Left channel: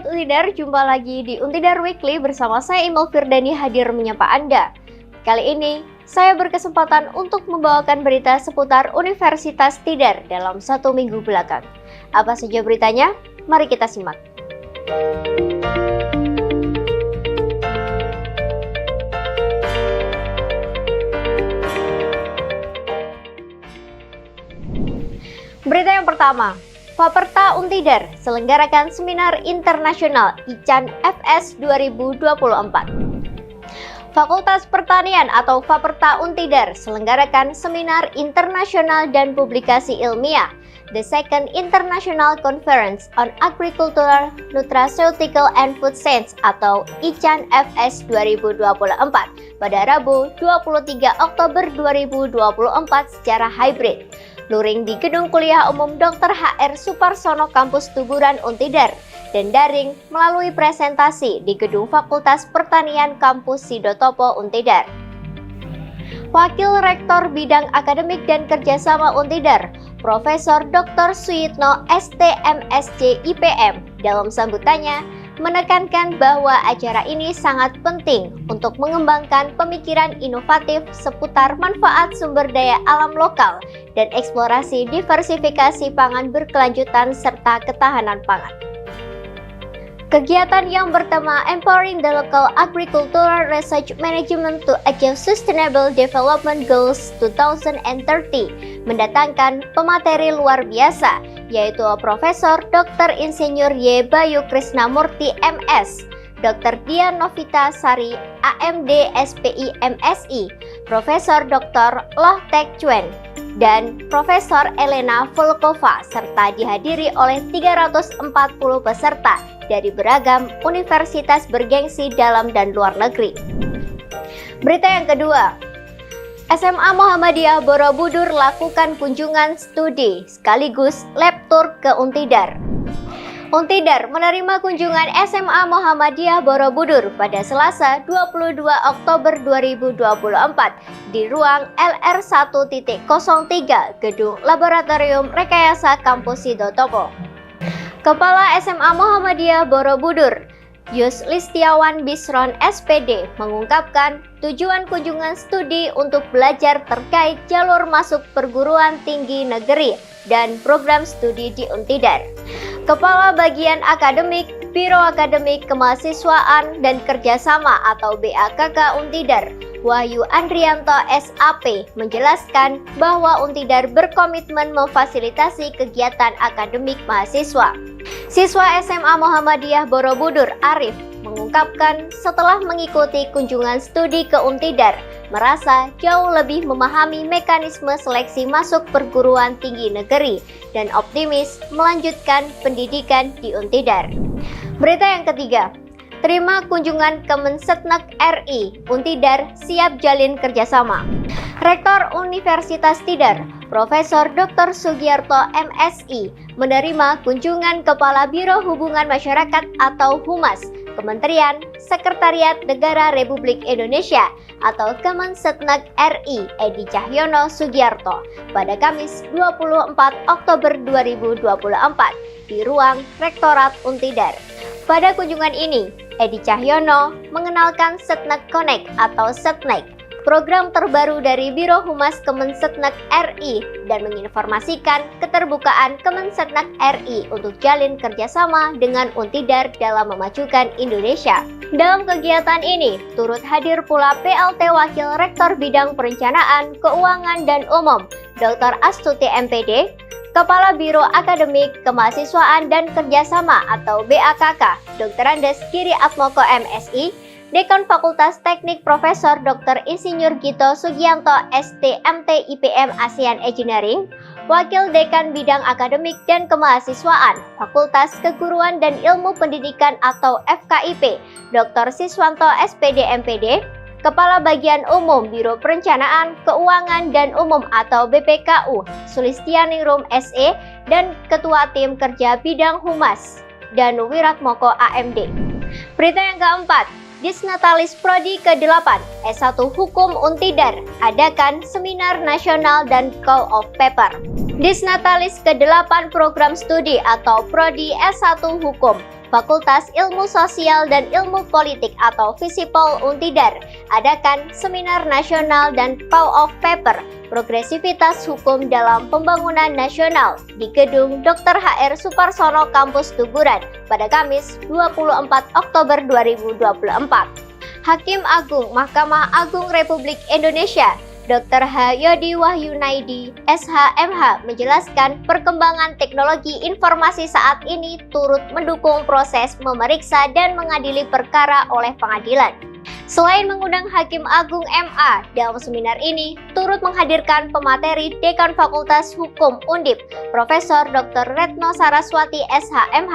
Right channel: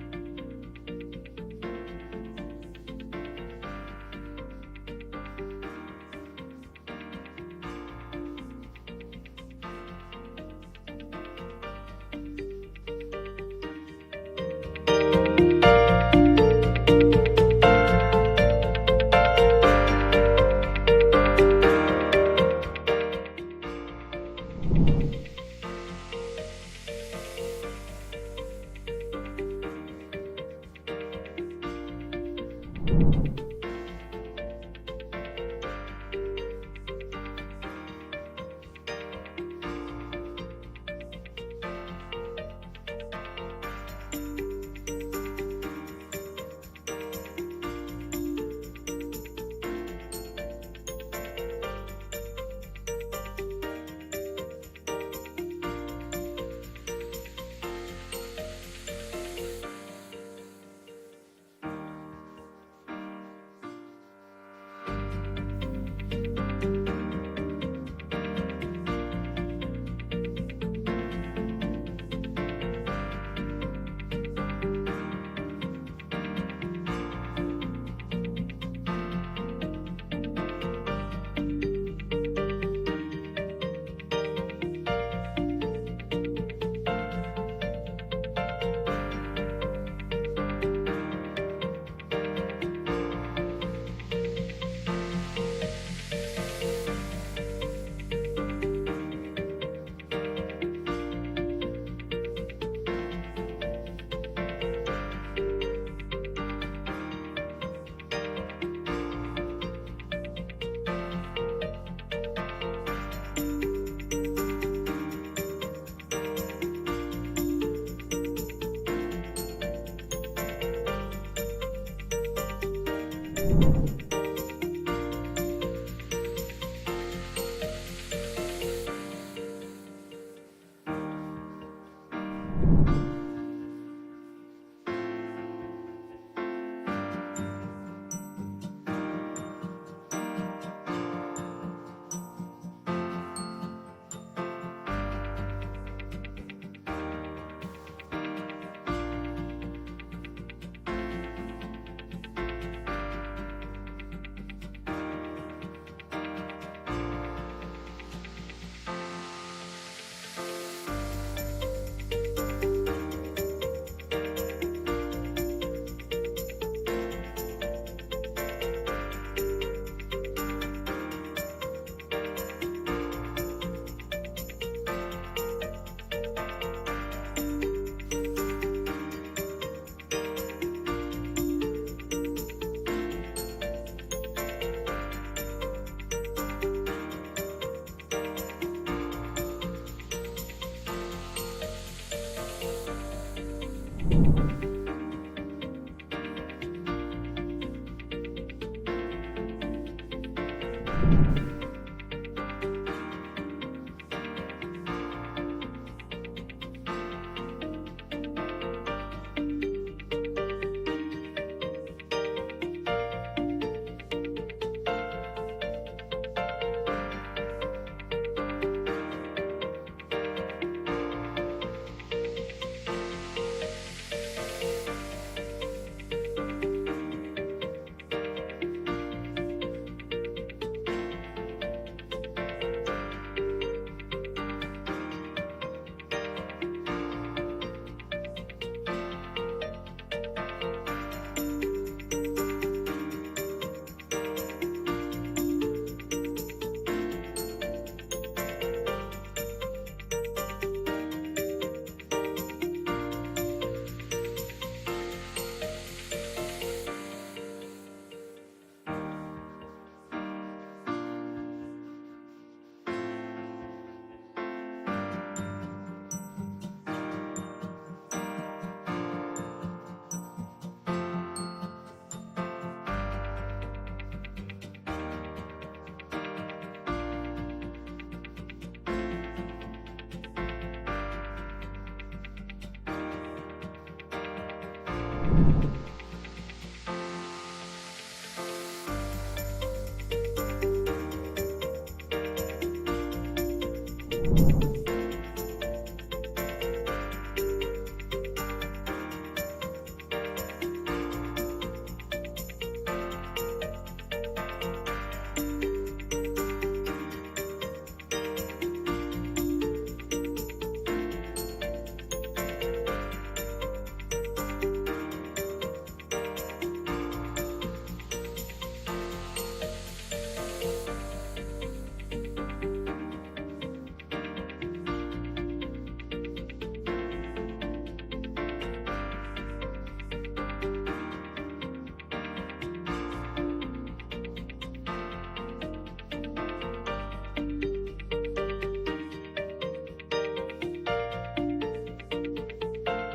Sobat Untidar, jumpa lagi di Untidar Weekly bersama saya Imel Firdani hadir menyapa Anda. Kali ini, saya berkesempatan untuk membawakan berita seputar Universitas Tidar dalam 1 minggu belakang. Apa saja beritanya? Mari kita simak. Berita yang pertama, Faperta Untidar selenggarakan seminar internasional ICAN FS 2024. Fakultas Pertanian atau Faperta Untidar selenggarakan seminar internasional dan publikasi ilmiah The Second International Conference on Agricultural, Nutraceutical and Food Science atau ICAN FS 2024 pada Rabu 23 Oktober 2024 secara hybrid. Luring di Gedung Kuliah Umum Dr. HR Suparsono Kampus Tuburan Untidar dan daring melalui presentasi di Gedung Fakultas Pertanian Kampus Sidotopo Untidar. Wakil Rektor Bidang Akademik dan Kerjasama Untidar, Profesor Dr. Suyitno STMSC IPM dalam sambutannya menekankan bahwa acara ini sangat penting untuk mengembangkan pemikiran inovatif seputar manfaat sumber daya alam lokal dan eksplorasi diversifikasi pangan berkelanjutan serta ketahanan pangan. Kegiatan yang bertema Empowering the Local Agricultural Research Management to Achieve Sustainable Development Goals 2030 mendatangkan pemateri luar biasa, yaitu Profesor Dr. Insinyur Y. Bayu Krisnamurti MS, Dr. Dian Novita Sari AMD SPI MSI, Profesor Dr. Loh Tek Chuen, dan Profesor Elena Volkova, serta dihadiri oleh 340 peserta dari beragam universitas bergengsi dalam dan luar negeri. Berita yang kedua, SMA Muhammadiyah Borobudur lakukan kunjungan studi sekaligus lab tour ke Untidar. Untidar menerima kunjungan SMA Muhammadiyah Borobudur pada Selasa 22 Oktober 2024 di ruang LR1.03 Gedung Laboratorium Rekayasa Kampus Sidotopo. Kepala SMA Muhammadiyah Borobudur, Yus Listiawan Bisron SPD mengungkapkan tujuan kunjungan studi untuk belajar terkait jalur masuk perguruan tinggi negeri dan program studi di Untidar. Kepala Bagian Akademik, Biro Akademik Kemahasiswaan dan Kerjasama atau BAKK Untidar, Wahyu Andrianto SAP menjelaskan bahwa Untidar berkomitmen memfasilitasi kegiatan akademik mahasiswa. Siswa SMA Muhammadiyah Borobudur Arif mengungkapkan setelah mengikuti kunjungan studi ke Untidar, merasa jauh lebih memahami mekanisme seleksi masuk perguruan tinggi negeri dan optimis melanjutkan pendidikan di Untidar. Berita yang ketiga, terima kunjungan Kemensetnek RI, Untidar siap jalin kerjasama. Rektor Universitas Tidar, Profesor Dr. Sugiarto MSI, menerima kunjungan Kepala Biro Hubungan Masyarakat atau Humas, Kementerian Sekretariat Negara Republik Indonesia atau Kemensetnek RI Edi Cahyono Sugiarto pada Kamis 24 Oktober 2024 di ruang Rektorat Untidar. Pada kunjungan ini, Edi Cahyono mengenalkan Setnek Connect atau Setnek, program terbaru dari Biro Humas Kemensetnek RI dan menginformasikan keterbukaan Kemensetnek RI untuk jalin kerjasama dengan Untidar dalam memajukan Indonesia. Dalam kegiatan ini, turut hadir pula PLT Wakil Rektor Bidang Perencanaan, Keuangan dan Umum, Dr. Astuti MPD, Kepala Biro Akademik Kemahasiswaan dan Kerjasama atau BAKK, Dr. Andes Giri Atmoko MSI, Dekan Fakultas Teknik Profesor Dr. Insinyur Gito Sugianto STMT IPM ASEAN Engineering, Wakil Dekan Bidang Akademik dan Kemahasiswaan Fakultas Keguruan dan Ilmu Pendidikan atau FKIP, Dr. Siswanto SPD MPD, Kepala Bagian Umum Biro Perencanaan, Keuangan dan Umum atau BPKU, Sulistianingrum SE, dan Ketua Tim Kerja Bidang Humas, Danu Wiratmoko AMD. Berita yang keempat, Disnatalis Prodi ke-8 S1 Hukum Untidar adakan seminar nasional dan call of paper. Disnatalis ke-8 program studi atau Prodi S1 Hukum Fakultas Ilmu Sosial dan Ilmu Politik atau Visipol Untidar adakan Seminar Nasional dan Pow of Paper Progresivitas Hukum dalam Pembangunan Nasional di Gedung Dr. HR Suparsono Kampus Tuguran pada Kamis 24 Oktober 2024. Hakim Agung Mahkamah Agung Republik Indonesia Dr. H. Yodi Wahyunaidi, SH.MH menjelaskan perkembangan teknologi informasi saat ini turut mendukung proses memeriksa dan mengadili perkara oleh pengadilan. Selain mengundang Hakim Agung MA, dalam seminar ini turut menghadirkan pemateri Dekan Fakultas Hukum Undip, Profesor Dr. Retno Saraswati SH.MH,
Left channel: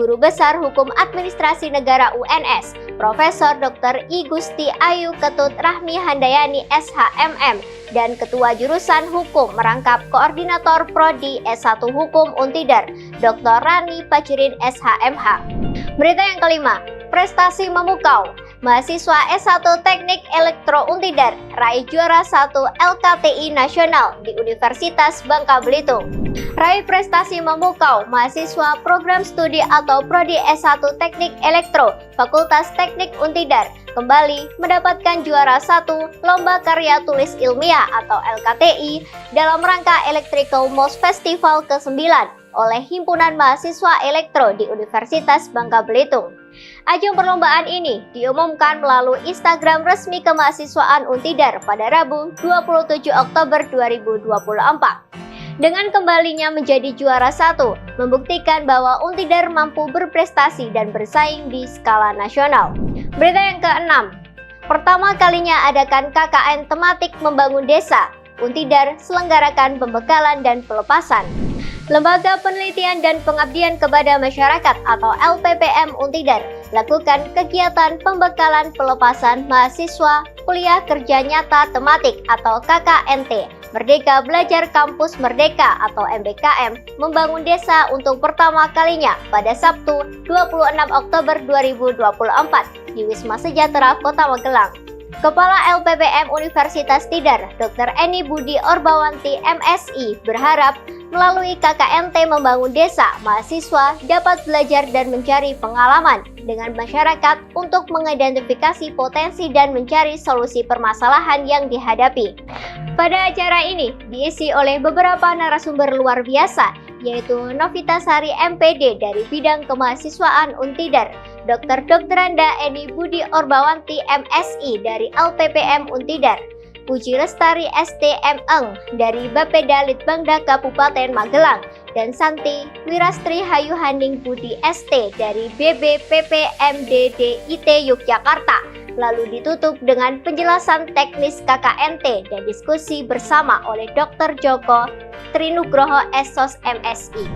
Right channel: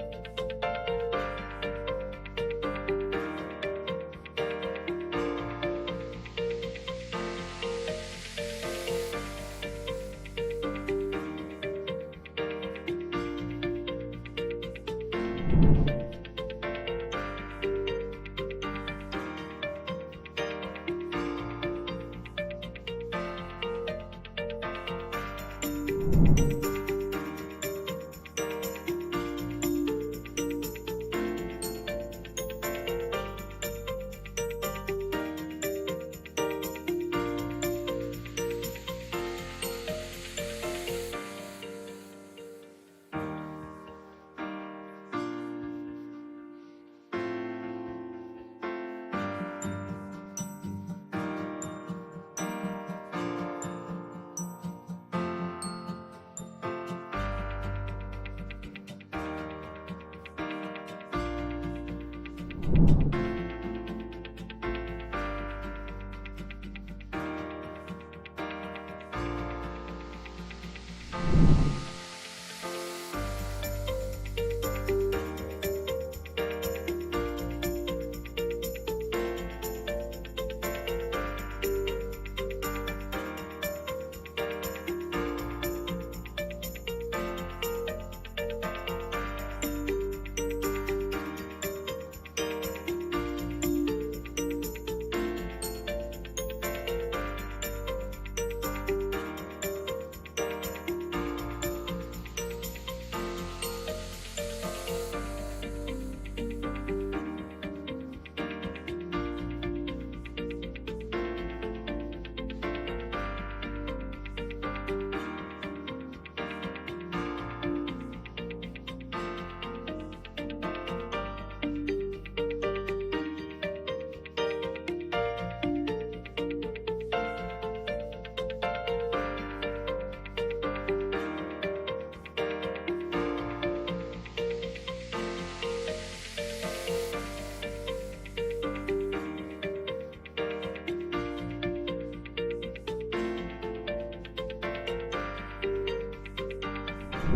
Guru Besar Hukum Administrasi Negara UNS, Profesor Dr. I Gusti Ayu Ketut Rahmi Handayani SH.MM, dan Ketua Jurusan Hukum Merangkap Koordinator Prodi S1 Hukum Untidar, Dr. Rani Pacirin SH.MH. Berita yang kelima, prestasi memukau. Mahasiswa S1 Teknik Elektro Untidar raih juara 1 LKTI Nasional di Universitas Bangka Belitung. Raih prestasi memukau mahasiswa program studi atau Prodi S1 Teknik Elektro Fakultas Teknik Untidar kembali mendapatkan juara 1 Lomba Karya Tulis Ilmiah atau LKTI dalam rangka Electrical MOS Festival ke-9 oleh Himpunan Mahasiswa Elektro di Universitas Bangka Belitung. Ajang perlombaan ini diumumkan melalui Instagram resmi Kemahasiswaan Untidar pada Rabu 27 Oktober 2024. Dengan kembalinya menjadi juara 1, membuktikan bahwa Untidar mampu berprestasi dan bersaing di skala nasional. Berita yang ke-6, pertama kalinya adakan KKN tematik membangun desa. Untidar selenggarakan pembekalan dan pelepasan. Lembaga Penelitian dan Pengabdian Kepada Masyarakat atau LPPM Untidar lakukan kegiatan pembekalan pelepasan mahasiswa kuliah kerja nyata tematik atau KKNT Merdeka Belajar Kampus Merdeka atau MBKM membangun desa untuk pertama kalinya pada Sabtu 26 Oktober 2024 di Wisma Sejahtera Kota Magelang. Kepala LPPM Universitas Tidar, Dr. Eni Budi Orbawanti MSI berharap melalui KKNT membangun desa, mahasiswa dapat belajar dan mencari pengalaman dengan masyarakat untuk mengidentifikasi potensi dan mencari solusi permasalahan yang dihadapi. Pada acara ini diisi oleh beberapa narasumber luar biasa, yaitu Novita Sari MPD dari bidang kemahasiswaan Untidar, Dr. Anda Eni Budi Orbawanti MSI dari LPPM Untidar, Puji Lestari STM Eng dari Bapeda Litbangda Kabupaten Magelang, dan Santi Wirastri Hayuhanding Budi ST dari BBPPMDDIT Yogyakarta. Lalu ditutup dengan penjelasan teknis KKNT dan diskusi bersama oleh Dr. Joko Trinugroho SOS MSI.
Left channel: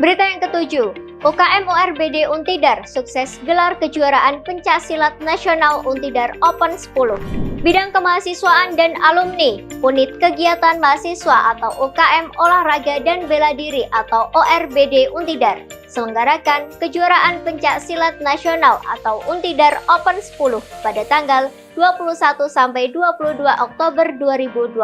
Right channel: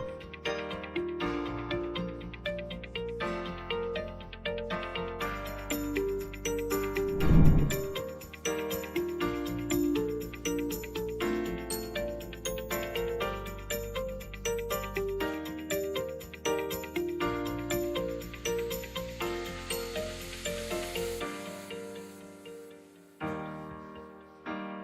Berita yang ketujuh, UKM URBD Untidar sukses gelar kejuaraan pencaksilat nasional Untidar Open 10. Bidang kemahasiswaan dan alumni, unit kegiatan mahasiswa atau UKM Olahraga dan Bela Diri atau ORBD Untidar selenggarakan kejuaraan pencaksilat nasional atau Untidar Open 10 pada tanggal 21 sampai 22 Oktober 2024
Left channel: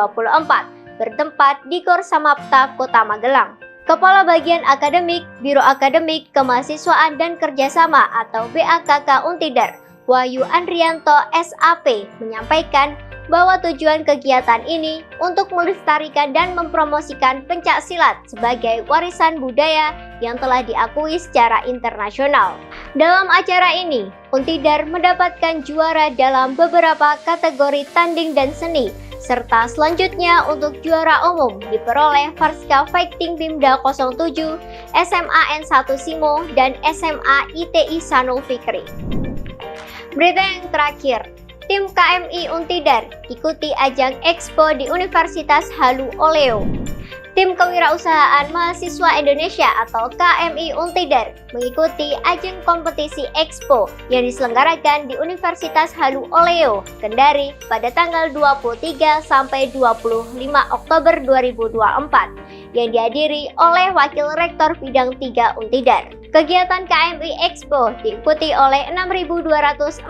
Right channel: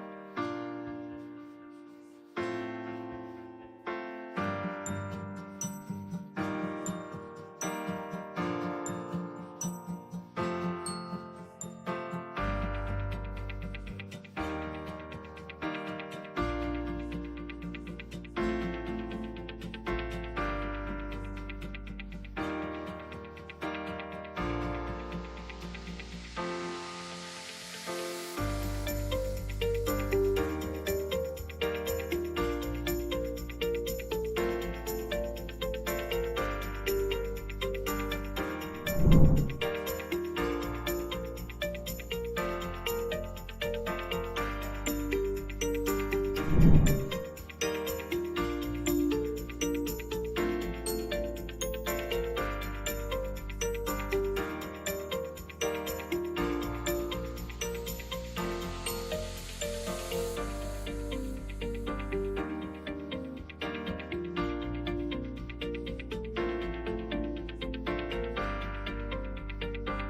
bertempat di Gor Samapta, Kota Magelang. Kepala Bagian Akademik, Biro Akademik, Kemahasiswaan dan Kerjasama atau BAKK Untidar, Wahyu Andrianto SAP menyampaikan bahwa tujuan kegiatan ini untuk melestarikan dan mempromosikan pencaksilat sebagai warisan budaya yang telah diakui secara internasional. Dalam acara ini, Untidar mendapatkan juara dalam beberapa kategori tanding dan seni, serta selanjutnya untuk juara umum diperoleh Farska Fighting Bimda 07, SMA N1 Simo, dan SMA ITI Sanul Fikri. Berita yang terakhir, tim KMI Untidar ikuti ajang Expo di Universitas Halu Oleo. Tim Kewirausahaan Mahasiswa Indonesia atau KMI Untidar mengikuti ajang kompetisi Expo yang diselenggarakan di Universitas Halu Oleo, Kendari pada tanggal 23 sampai 25 Oktober 2024 yang dihadiri oleh Wakil Rektor Bidang 3 Untidar. Kegiatan KMI Expo diikuti oleh 6.248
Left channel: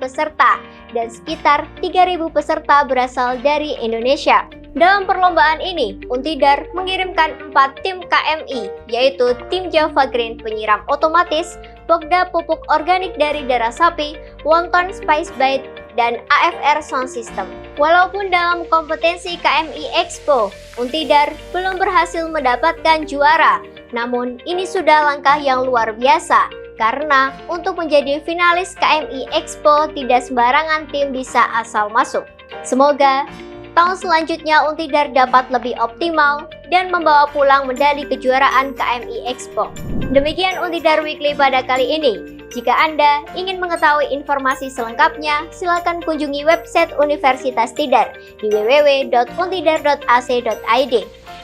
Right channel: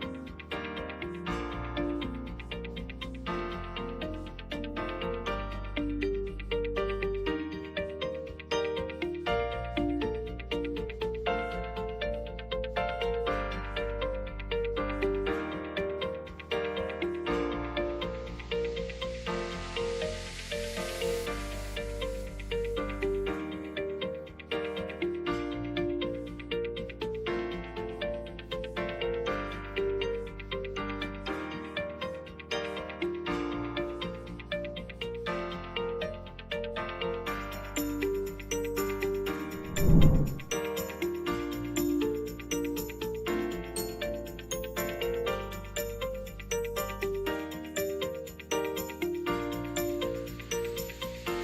peserta dan sekitar 3.000 peserta berasal dari Indonesia. Dalam perlombaan ini, Untidar Untidar mengirimkan 4 tim KMI, yaitu tim Java Green penyiram otomatis, Pokda pupuk organik dari darah sapi, Wonton Spice Bite, dan AFR Sound System. Walaupun dalam kompetensi KMI Expo, Untidar belum berhasil mendapatkan juara, namun ini sudah langkah yang luar biasa. Karena untuk menjadi finalis KMI Expo tidak sembarangan tim bisa asal masuk. Semoga tahun selanjutnya Untidar dapat lebih optimal dan membawa pulang medali kejuaraan KMI Expo. Demikian Untidar Weekly pada kali ini. Jika Anda ingin mengetahui informasi selengkapnya, silakan kunjungi website Universitas Tidar di www.untidar.ac.id.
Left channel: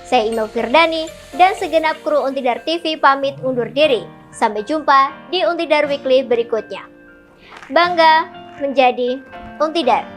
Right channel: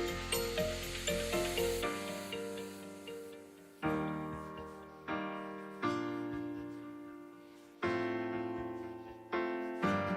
Saya Ino Firdani dan segenap kru Untidar TV pamit undur diri. Sampai jumpa di Untidar Weekly berikutnya. Bangga menjadi Untidar.